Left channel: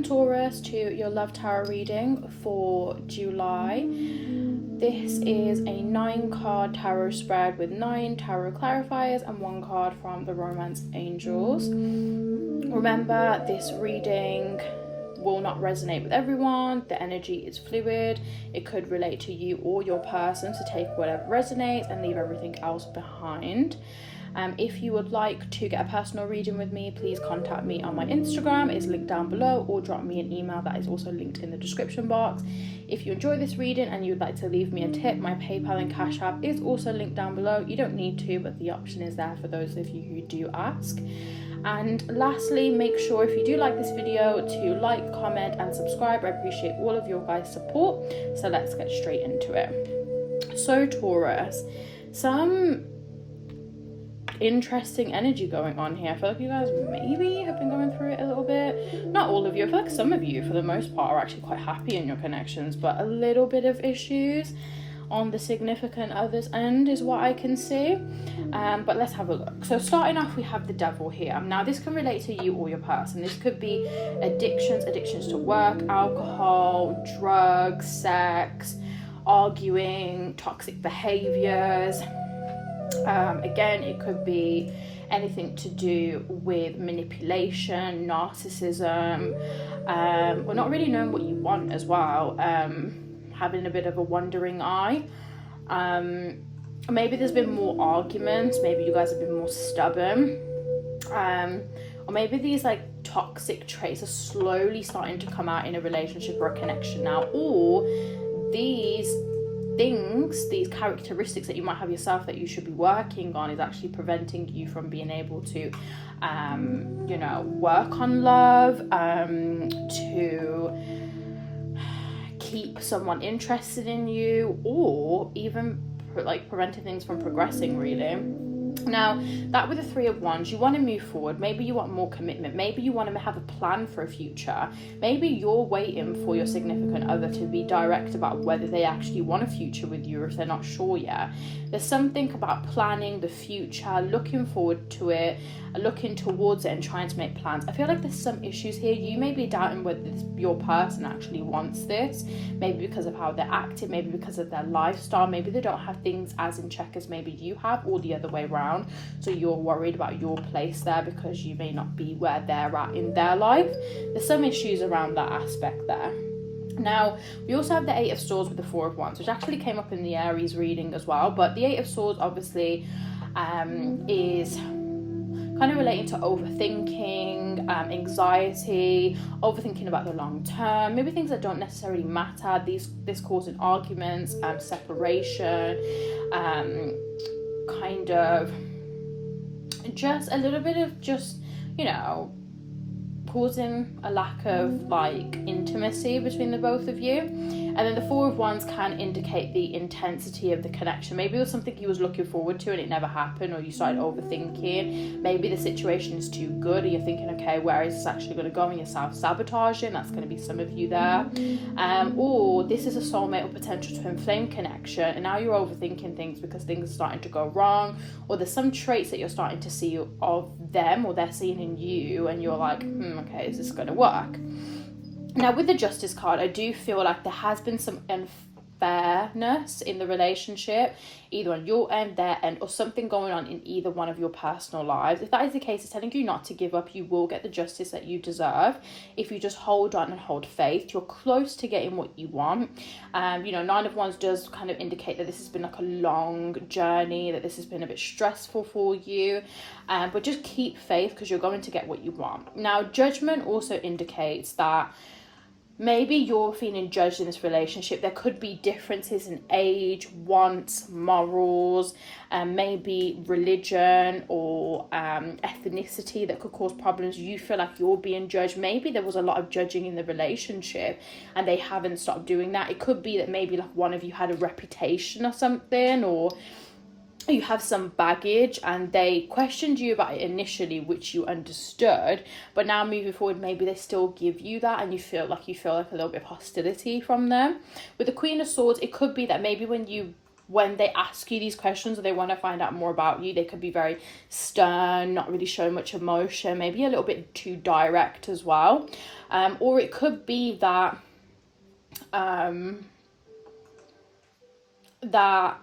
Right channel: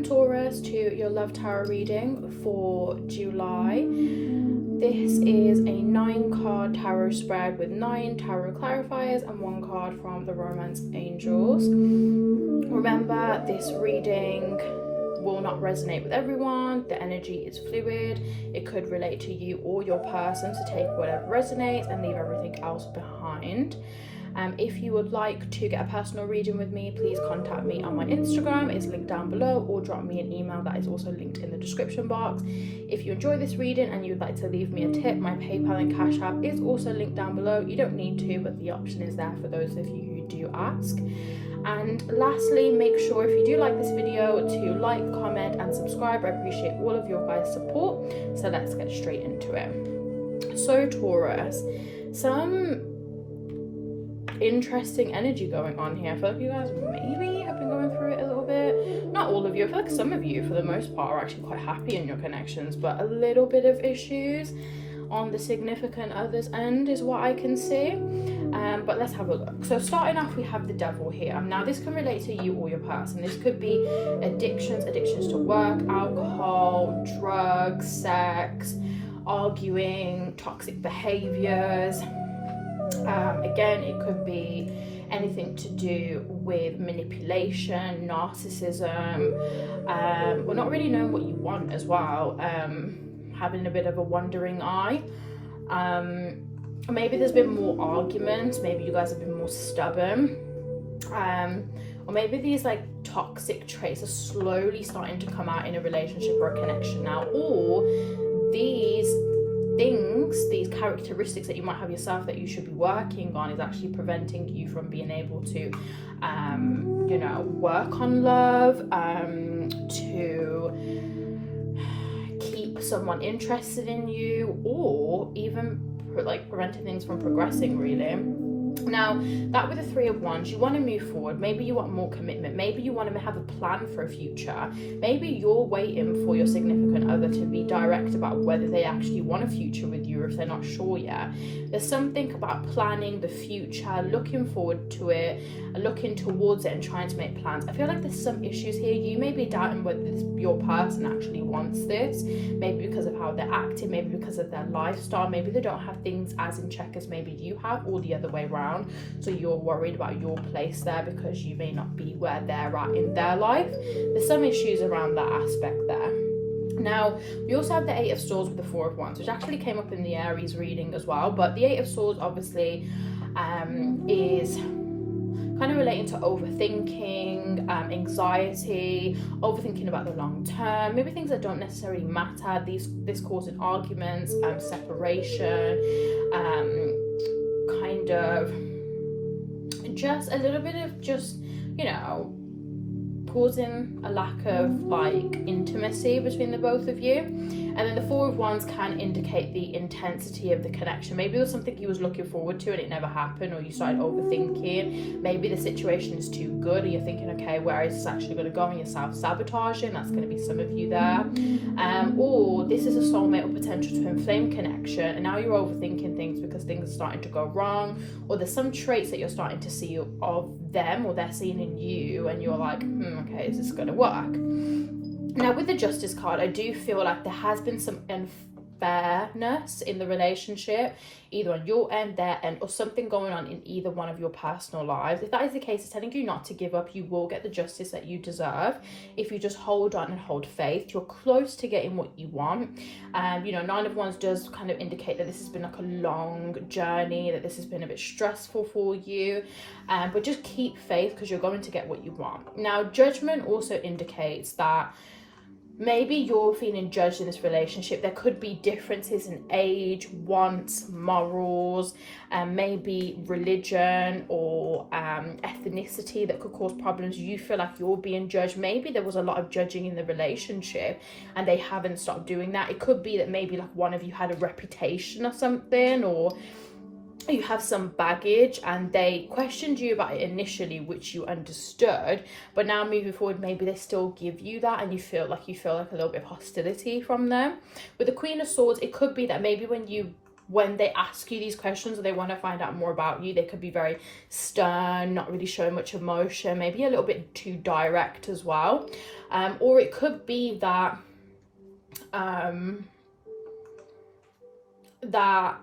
Welcome Taurus to your Love Tarot reading for July. This is a 9-card tarot spread with 9 tarot clarifiers and 1 card from the Romance Angels. Remember, this reading will not resonate with everyone. The energy is fluid. It could relate to you or your person, so take whatever resonates and leave everything else behind. If you would like to get a personal reading with me, please contact me on my Instagram. It's linked down below, or drop me an email that is also linked in the description box. If you enjoy this reading and you'd like to leave me a tip, my PayPal and Cash App is also linked down below. You don't need to, but the option is there for those of you who do ask. And lastly, make sure if you do like this video to like, comment and subscribe. I appreciate all of your guys' support. So let's get straight into it. So Taurus, some interesting energy going on here. I feel like you guys maybe have been going through it a little bit. Not all of you. I feel like some of you for the most part are actually quite happy in your connections, but a little bit of issues on the significant other's end is what I can see. But let's have a look. So starting off, we have the Devil here. Now this can relate to you or your person. This could be addictions to work, alcohol, drugs, sex, arguing, toxic behaviors. Again, it could be anything to do with manipulation, narcissism, or not really knowing what you want as well, having a bit of a wandering eye. Maybe there's been more arguments, maybe you guys have been more stubborn, or maybe these like toxic traits are slowly starting to come out in a relationship or a connection now, or these things, these characteristics that you might have yourself that you should be working on is actually preventing you from being able to work on love, to keep someone interested in you, or even like preventing things from progressing really. Now that with the 3 of Wands, you want to move forward. Maybe you want more commitment, maybe you want to have a plan for a future, maybe you're waiting for your significant other to be direct about whether they actually want a future with you, or if they're not sure yet. There's something about planning the future, looking forward to it, looking towards it and trying to make plans. I feel like there's some issues here. You may be doubting whether your person actually wants this, maybe because of how they're acting, maybe because of their lifestyle, maybe they don't have things as in check as maybe you have, or the other way around. So you're worried about your place there because you may not be where they're at in their life. There's some issues around that aspect there. Now, we also have the 8 of Swords with the 4 of Wands, which actually came up in the Aries reading as well. But the 8 of Swords obviously is kind of relating to overthinking, anxiety, overthinking about the long term, maybe things that don't necessarily matter. This causing arguments, separation, kind of just a little bit of causing a lack of like intimacy between the both of you. And then the 4 of Wands can indicate the intensity of the connection. Maybe there's something you was looking forward to and it never happened, or you started overthinking. Maybe the situation is too good and you're thinking, okay, where is this actually going to go, and you're self-sabotaging. That's going to be some of you there. Or this is a soulmate or potential twin flame connection, and now you're overthinking things because things are starting to go wrong, or there's some traits that you're starting to see of them or they're seeing in you, and you're like, okay, is this going to work? Now with the Justice card, I do feel like there has been some unfairness in the relationship, either on your end, their end, or something going on in either one of your personal lives. If that is the case, it's telling you not to give up. You will get the justice that you deserve if you just hold on and hold faith. You're close to getting what you want. 9 of Wands does kind of indicate that this has been like a long journey, that this has been a bit stressful for you, but just keep faith because you're going to get what you want. Now Judgment also indicates that maybe you're feeling judged in this relationship. There could be differences in age, wants, morals, maybe religion or ethnicity that could cause problems. You feel like you're being judged. Maybe there was a lot of judging in the relationship and they haven't stopped doing that. It could be that maybe like one of you had a reputation or something, or you have some baggage and they questioned you about it initially, which you understood, but now moving forward maybe they still give you that and you feel like a little bit of hostility from them. With the Queen of Swords, it could be that maybe when you when they ask you these questions or they want to find out more about you, they could be very stern, not really showing much emotion, maybe a little bit too direct as well. Or it could be that that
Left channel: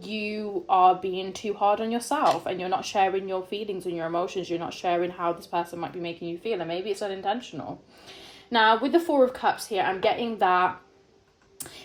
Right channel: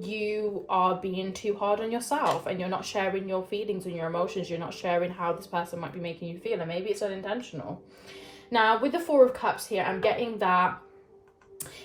you are being too hard on yourself and you're not sharing your feelings and your emotions. You're not sharing how this person might be making you feel, and maybe it's unintentional. Now, with the Four of Cups here, I'm getting that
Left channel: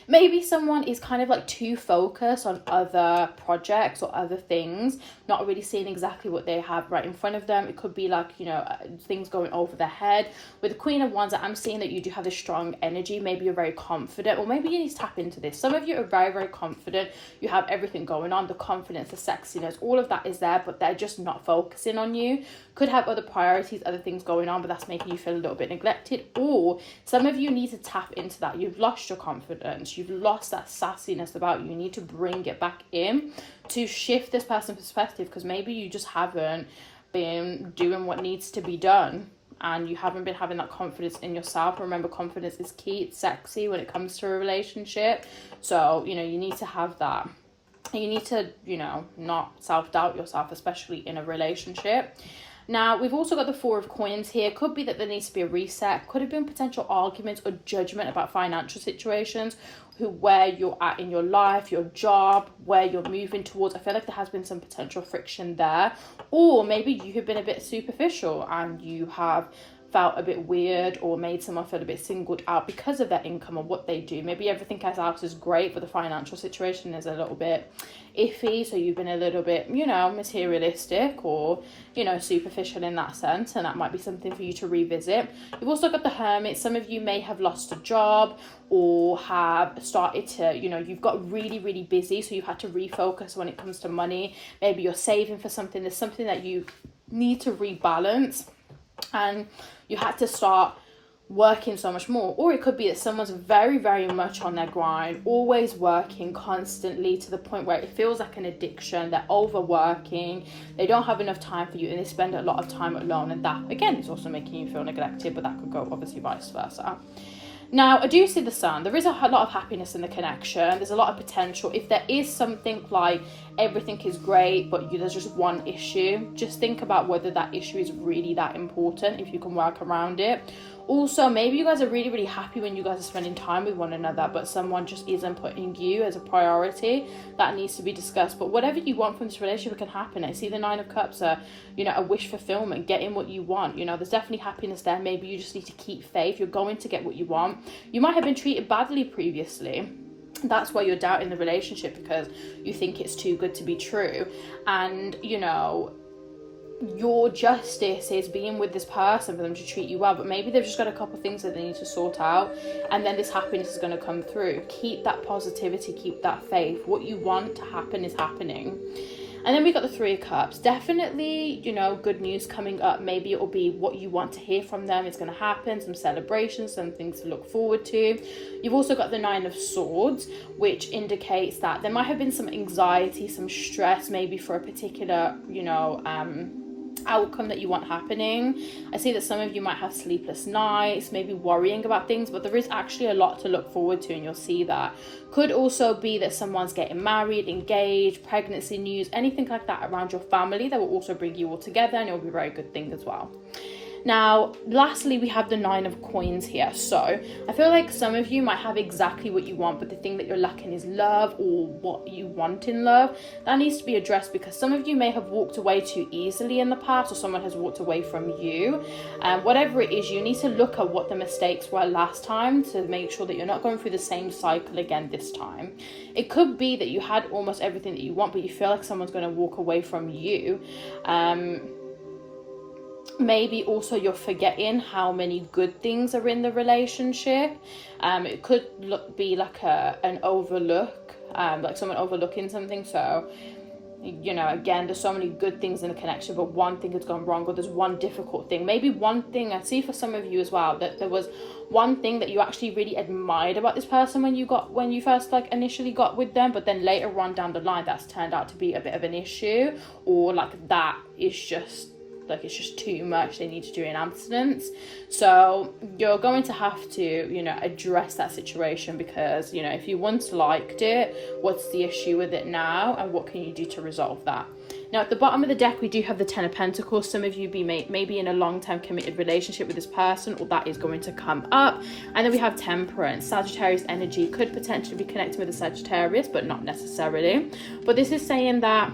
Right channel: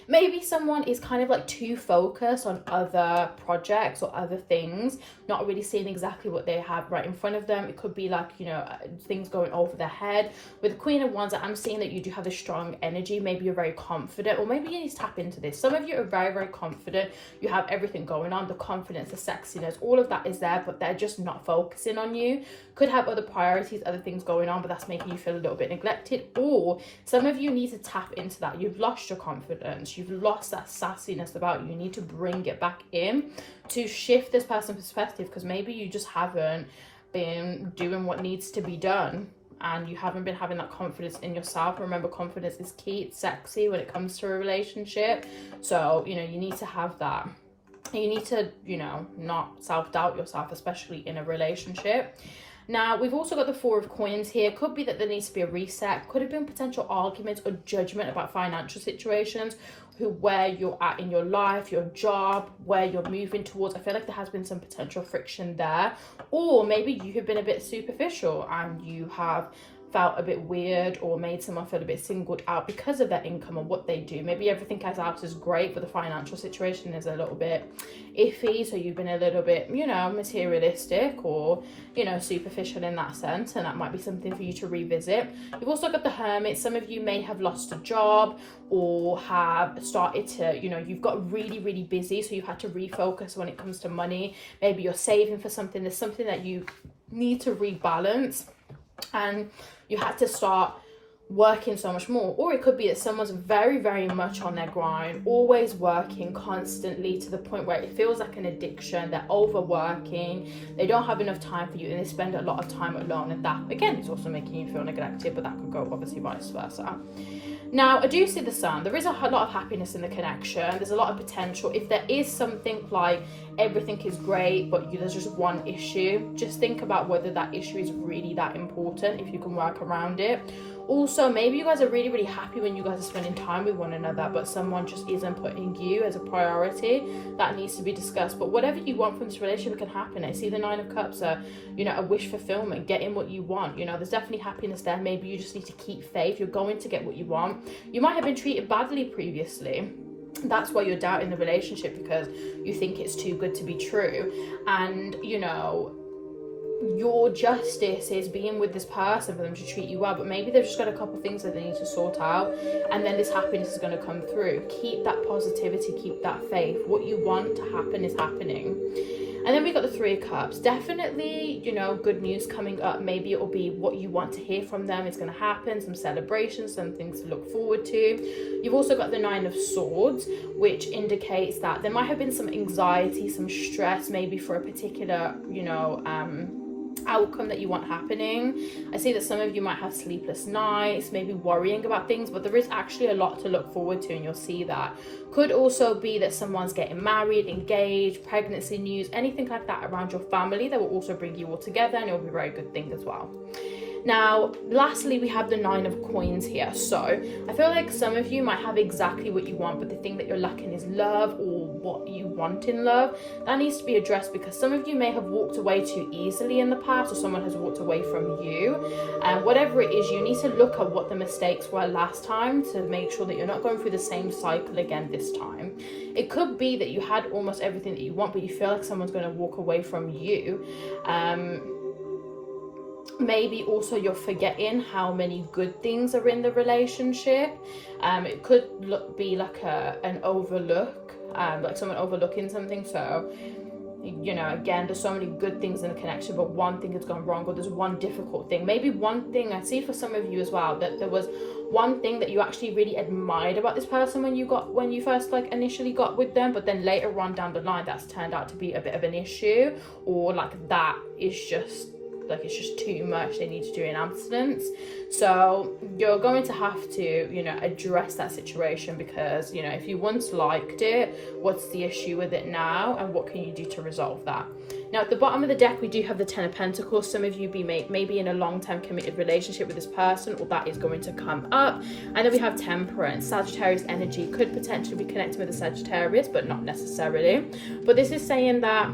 maybe someone is kind of like too focused on other projects or other things, not really seeing exactly what they have right in front of them. It could be like, you know, things going over their head. With the Queen of Wands, I'm seeing that you do have a strong energy. Maybe you're very confident, or maybe you need to tap into this. Some of you are very, very confident. You have everything going on, the confidence, the sexiness, all of that is there, but they're just not focusing on you. Could have other priorities, other things going on, but that's making you feel a little bit neglected. Or some of you need to tap into that. You've lost your confidence. You've lost that sassiness about you. You need to bring it back in to shift this person's perspective, because maybe you just haven't been doing what needs to be done and you haven't been having that confidence in yourself. Remember, confidence is key. It's sexy when it comes to a relationship. So, you know, you need to have that. You need to, you know, not self-doubt yourself, especially in a relationship. Now, we've also got the Four of Coins here. Could be that there needs to be a reset. Could have been potential arguments or judgment about financial situations, where you're at in your life, your job, where you're moving towards. I feel like there has been some potential friction there. Or maybe you have been a bit superficial and you have felt a bit weird or made someone feel a bit singled out because of their income or what they do. Maybe everything else is great, but the financial situation is a little bit iffy. So you've been a little bit, you know, materialistic or, you know, superficial in that sense. And that might be something for you to revisit. You've also got the Hermit. Some of you may have lost a job or have started to, you know, you've got really, really busy. So you've had to refocus when it comes to money. Maybe you're saving for something. There's something that you need to rebalance. And you had to start working so much more. Or it could be that someone's very, very much on their grind, always working constantly to the point where it feels like an addiction. They're overworking, they don't have enough time for you, and they spend a lot of time alone. And that, again, is also making you feel neglected, but that could go obviously vice versa. Now, I do see the Sun. There is a lot of happiness in the connection. There's a lot of potential. If there is something like everything is great, but there's just one issue, just think about whether that issue is really that important, if you can work around it. Also, maybe you guys are really, really happy when you guys are spending time with one another, but someone just isn't putting you as a priority. That needs to be discussed. But whatever you want from this relationship can happen. I see the Nine of Cups are, you know, a wish fulfillment, getting what you want. You know, there's definitely happiness there. Maybe you just need to keep faith. You're going to get what you want. You might have been treated badly previously. That's why you're doubting the relationship, because you think it's too good to be true. And, you know, your justice is being with this person for them to treat you well, but maybe they've just got a couple of things that they need to sort out, and then this happiness is going to come through. Keep that positivity, keep that faith. What you want to happen is happening. And then we got the Three of Cups. Definitely, you know, good news coming up. Maybe it will be what you want to hear from them is going to happen. Some celebrations, some things to look forward to. You've also got the Nine of Swords, which indicates that there might have been some anxiety, some stress, maybe for a particular, you know, outcome that you want happening. I see that some of you might have sleepless nights, maybe worrying about things, but there is actually a lot to look forward to, and you'll see that. Could also be that someone's getting married, engaged, pregnancy news, anything like that around your family that will also bring you all together, and it'll be a very good thing as well. Now, lastly, we have the Nine of Coins here. So I feel like some of you might have exactly what you want, but the thing that you're lacking is love, or what you want in love. That needs to be addressed, because some of you may have walked away too easily in the past, or someone has walked away from you. Whatever it is, you need to look at what the mistakes were last time to make sure that you're not going through the same cycle again this time. It could be that you had almost everything that you want, but you feel like someone's going to walk away from you. Maybe also you're forgetting how many good things are in the relationship. It could be like an overlook, like someone overlooking something. So, you know, again, there's so many good things in the connection, but one thing has gone wrong, or there's one difficult thing. Maybe one thing, I see for some of you as well, that there was one thing that you actually really admired about this person when you first like initially got with them, but then later on down the line that's turned out to be a bit of an issue, or like that is just like it's just too much, they need to do in abstinence. So you're going to have to, you know, address that situation, because, you know, if you once liked it, what's the issue with it now, and what can you do to resolve that? Now, at the bottom of the deck, we do have the Ten of Pentacles. Some of you maybe in a long-term committed relationship with this person, or that is going to come up. And then we have Temperance. Sagittarius energy could potentially be connected with a Sagittarius, but not necessarily. But this is saying that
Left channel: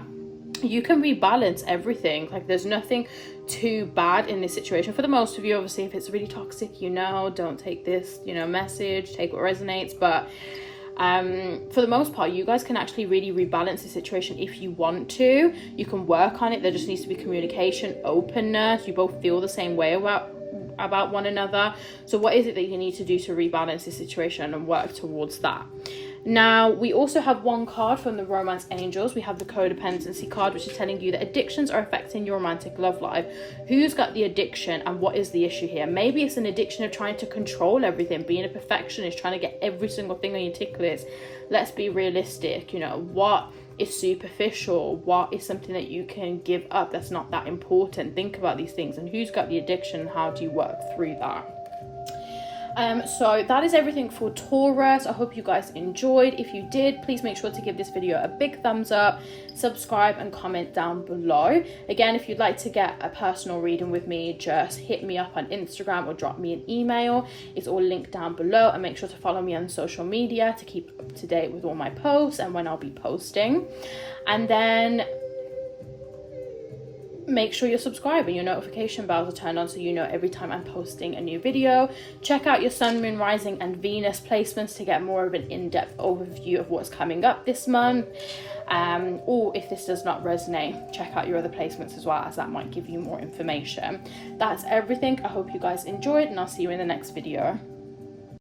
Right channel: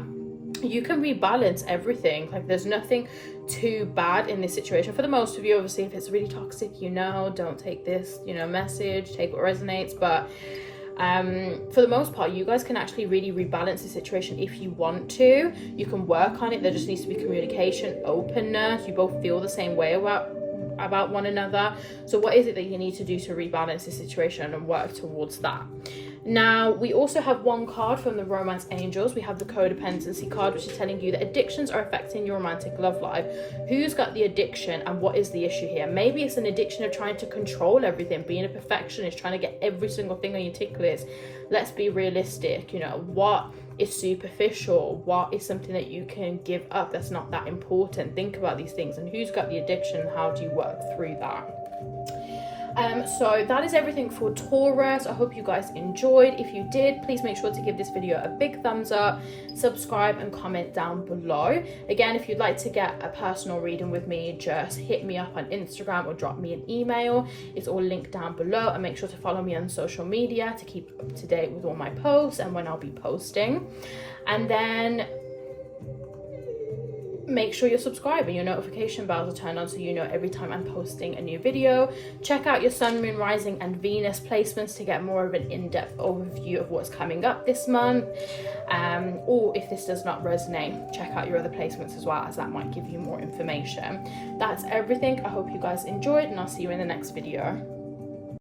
you can rebalance everything. Like, there's nothing too bad in this situation for the most of you. Obviously, if it's really toxic, you know, don't take this, you know, message, take what resonates. But for the most part, you guys can actually really rebalance the situation if you want to. You can work on it. There just needs to be communication, openness. You both feel the same way about one another. So what is it that you need to do to rebalance the situation and work towards that? Now, we also have one card from the Romance Angels. We have the Codependency card, which is telling you that addictions are affecting your romantic love life. Who's got the addiction, and what is the issue here? Maybe it's an addiction of trying to control everything, being a perfectionist, trying to get every single thing on your tick list. Let's be realistic. You know, what is superficial? What is something that you can give up that's not that important? Think about these things, and who's got the addiction, and how do you work through that? So that is everything for Taurus. I hope you guys enjoyed. If you did, please make sure to give this video a big thumbs up, subscribe, and comment down below. Again, if you'd like to get a personal reading with me, just hit me up on Instagram or drop me an email. It's all linked down below, and make sure to follow me on social media to keep up to date with all my posts and when I'll be posting. And then make sure you're subscribed and your notification bells are turned on, so you know every time I'm posting a new video. Check out your Sun, Moon, Rising, and Venus placements to get more of an in-depth overview of what's coming up this month. Or if this does not resonate, check out your other placements as well, as that might give you more information. That's everything. I hope you guys enjoyed, and I'll see you in the next video.